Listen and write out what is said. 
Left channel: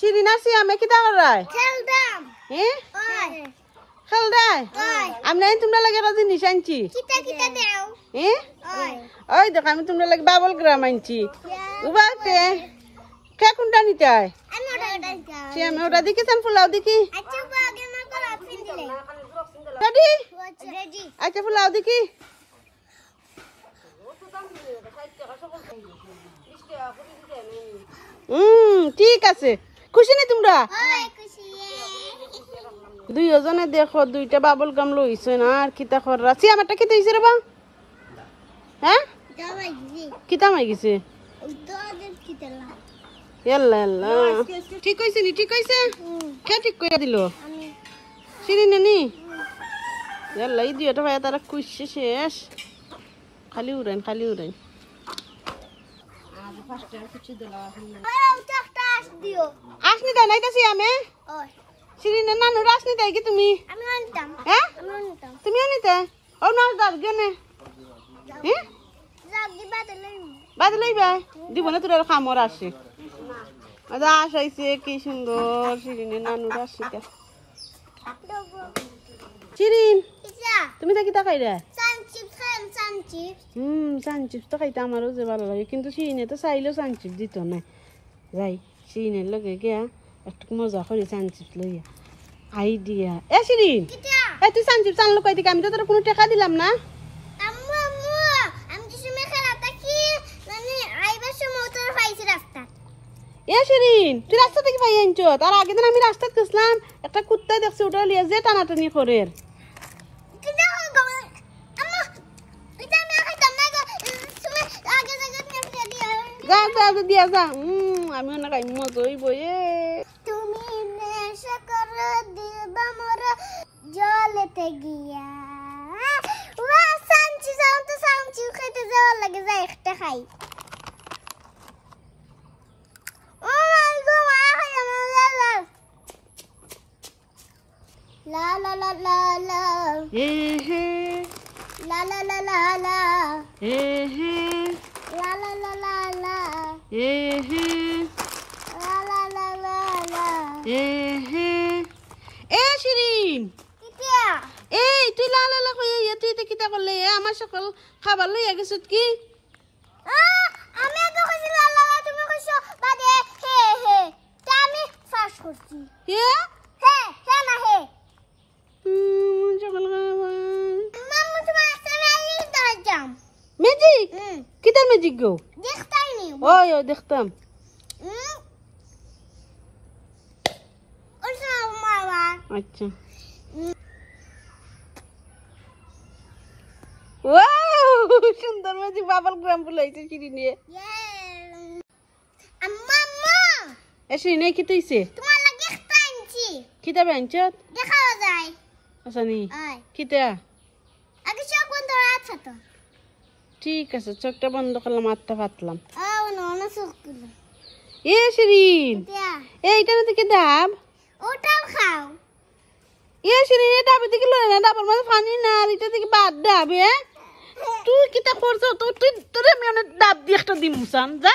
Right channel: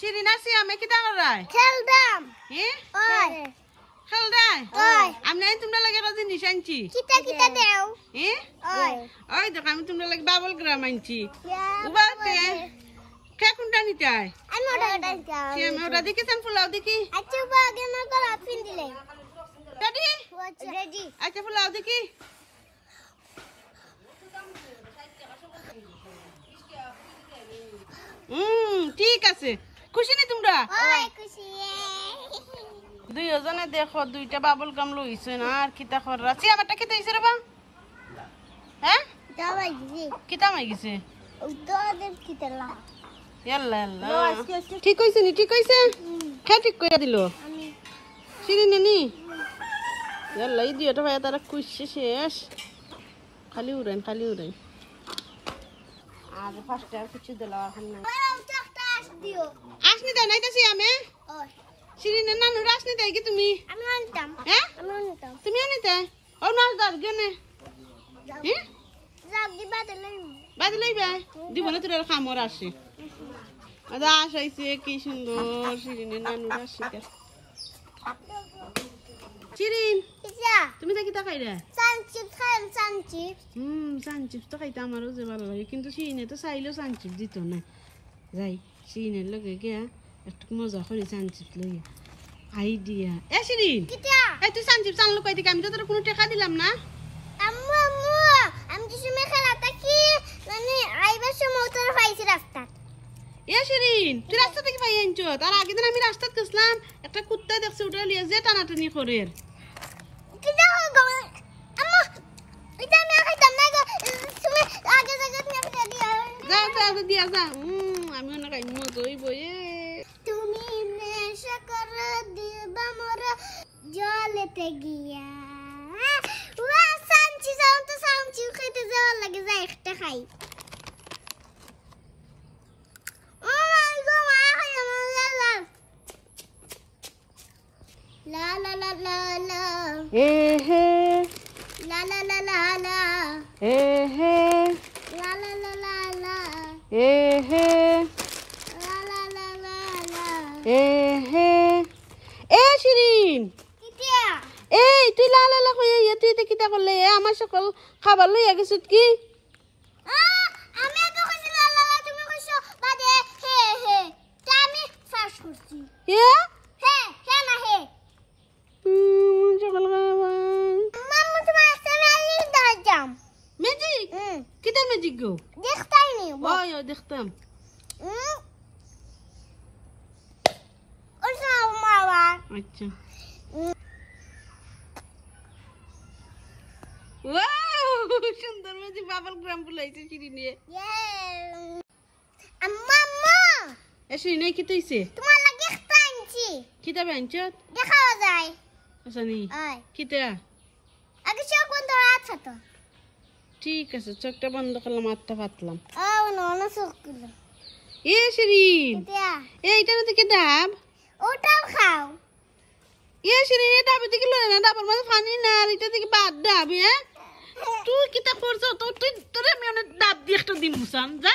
শিরিন আসি আমি কিতা করাই খেলদাম হ্যাঁ ওই খেল দাই ওই আমি নাই তোমরা লাগে একটা জিনিস আনছি কিতা কিতা দেও হ্যাঁ ওই ওই দেখো আমি তোমরা লাগে বাবল গ্রাম আনছি উবাতে কে কোনটা নিতে হয় আমি ওটা যাও সে আমি ওটা দেখি চান ফুলাও দেখি আচ্ছা বাগে না কল আপিন দিলে রেডি রেডি আচ্ছা ফুলাও দেখি ঠিক আছে খুশি নি তোমরা ওই খুশি দুইজনে দেখো দুইটা বাবল গাম লইছে না আর কিতা কররা সি আমারটা কি দিছে রে বা হ্যাঁ দাবাই জি কিতা মাই গেছে উদর কিতলা ইয়াল্লা ইয়াল্লা ঠিক কইছে নি ঠিক কইছে কে ঠিক কইরা দিল আমি শিরিন নি ইয়াল্লা এই দুইটা ভাই তারা খুশি শেষ খালি উড়ান আর ফার্স্ট আর কিছু দিলা ওই একটা আস দিও আসনি তাই নাইতাছি আমি ওই শিরিন নানু আসনি তাই কি তুমি আমি আনতাম হ্যাঁ আমি আনতাম তুমি আনিতে ও না দার গনে হ্যাঁ যাও দিবা দিলে বাদ লইবা দিব না তোর খামর আসে আজ আসাইছে কি সুন্দর শিরিনের নানুর আসিতে শিরিন কিতা তুমি তা কিতা খাইরা সানচিপ খান সানচিপ সানচিপস তো খাইতে আমারও যে ভালো লাগে কিন্তু শিরিনে তো চাইলেও সানচিপস দিত না যাই শিরিনের লগে গিয়া একটু মজা করি সানচিপস লইয়া আইডিয়া এ শিরিন কিতা এ তুই সানচিপস আনলো কই দিকে আমি তো তোর কোনো টাকা দিলাম না আম্মু আম্মু আমি তো সময় খেলাটা কি মানে আইবার সময় তোর পাইছি রাস্তা এ শিরিন তুই রাস্তা থেকে পাই আনছো তার আগের দিন আমি রাস্তাত গেছিলাম একটা কুত্তা দেখছি ওটা লিয়ে যে টানাটানি করে কিতা গো আম্মু এটা না খাইতাম না গো তুমি আগে জায়গা নিয়ে দিয়া দিয়া যা আমি না খাই মজা হইব এ তুমি নেশা করে দিবা মোর জলেতে গিয়া ওয়া সানচি যাও তো সানচি খেতে যাওয়ার লাগে যাই একটা খাই ও মাই গো মা খাই আমার লা লা লা লা লা এ হে লা লা লা লা লা এ হে লা লা লা লা লা এ হে লা লা লা লা লা এ হে এ শিরিন কিতিয়া এই তুই লালা কই তুই তে কিতা করলে আমার সকল খাবার লইয়া গেছিস কি আমি আগে কইছি লা লা তুমি কইছো বাদে হে হে তা আমি ফার্স্ট করছি হে হে হে না হে সকল মাম্মু তোমার সামনে আলি দাঁড়াম ম্যাজিক কিতার ম্যাজিক গো দেখতাই নি ওই ওই দেখতাম ওর সামনে মারবা আচ্ছা ওয়াও সুন্দর ম্যাজিক বাবল গ্রাম বলাইছে শিরিনে আম্মু এসে নাই কি তুইছে তোমার লাগে একটা আনছি কিতা বাঞ্চত দেখা যায় আচ্ছা নি আয় কিতা আগে চোখ বন্ধ আছে তো ঠিক আছে চোখটা বন্ধ করলাম আত্মা পাতলাম না চোখ গুলো এ শিরিন দিয়া এইটার দিকে ডাব ওটাও খাও এ শিরিন এই ডাবের দিকে লয় না ডাবের মাঝে পানি না আর এটা দিকে বাদ ডাব তুই কিতা করছ তো তুই তোরে আমি অনেক ডাব দিয়ে একটা দিমুসান যা